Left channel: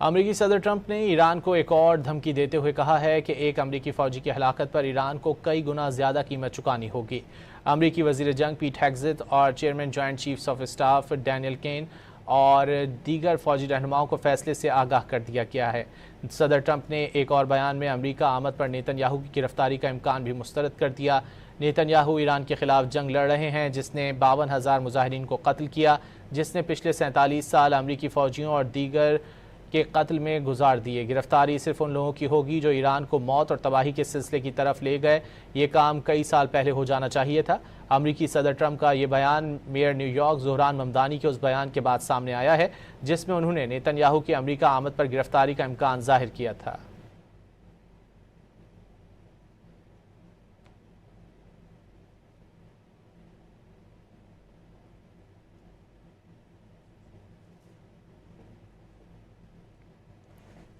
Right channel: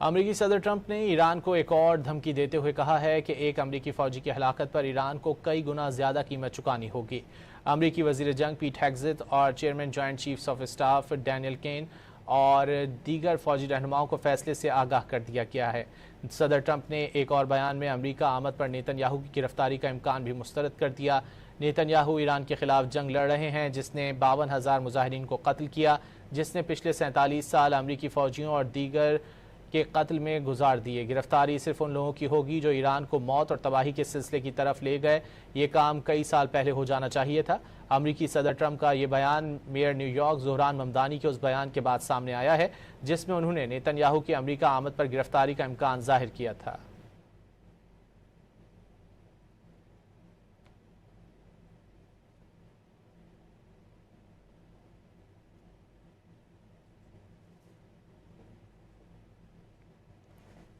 امریکی صدر ٹرمپ نے ایران کو ایک اور دھمکی دیتے ہوئے کہا ہے کہ ایک امریکی فوجی کی ہلاکت پر ایران کو کئی گنا زیادہ قیمت چکانی ہوگی۔ امریکی وزیر جنگ پیٹ ہیگزت اور chairman joint chiefs of staff Daniel can اور دیگر فوجی رہنماؤں کو فیصلے سے آگاہ کر دیا گیا ہے۔ صدر ٹرمپ نے ایک اور بیان میں امریکہ آمد پر نیتن یاہو کی گرفتاری کا امکان بھی مسترد کر دیا۔ نیتن یاہو ایران کے خلاف جنگ لڑ رہے ہیں جس نے 52,000 مظاہرین کو قتل کیا، جس نے پچھلے 47 سال امریکی فوجیوں اور دیگر کے قتل میں گزار دیے۔ گرفتاری صرف ان لوگوں کی ہوگی جو ایران کو موت اور تباہی کے سلسلے کی طرف لے گئے۔ یہ کام کئی سال پہلے ہو جانا چاہیے تھا۔ امریکی صدر ٹرمپ کا یہ بیان mayor new York Dhahran Mamdani کے اس بیان کے بعد سامنے آیا ہے جس میں انہوں نے نیتن یاہو کی امریکہ آمد پر گرفتاری کا امکان ظاہر کیا تھا۔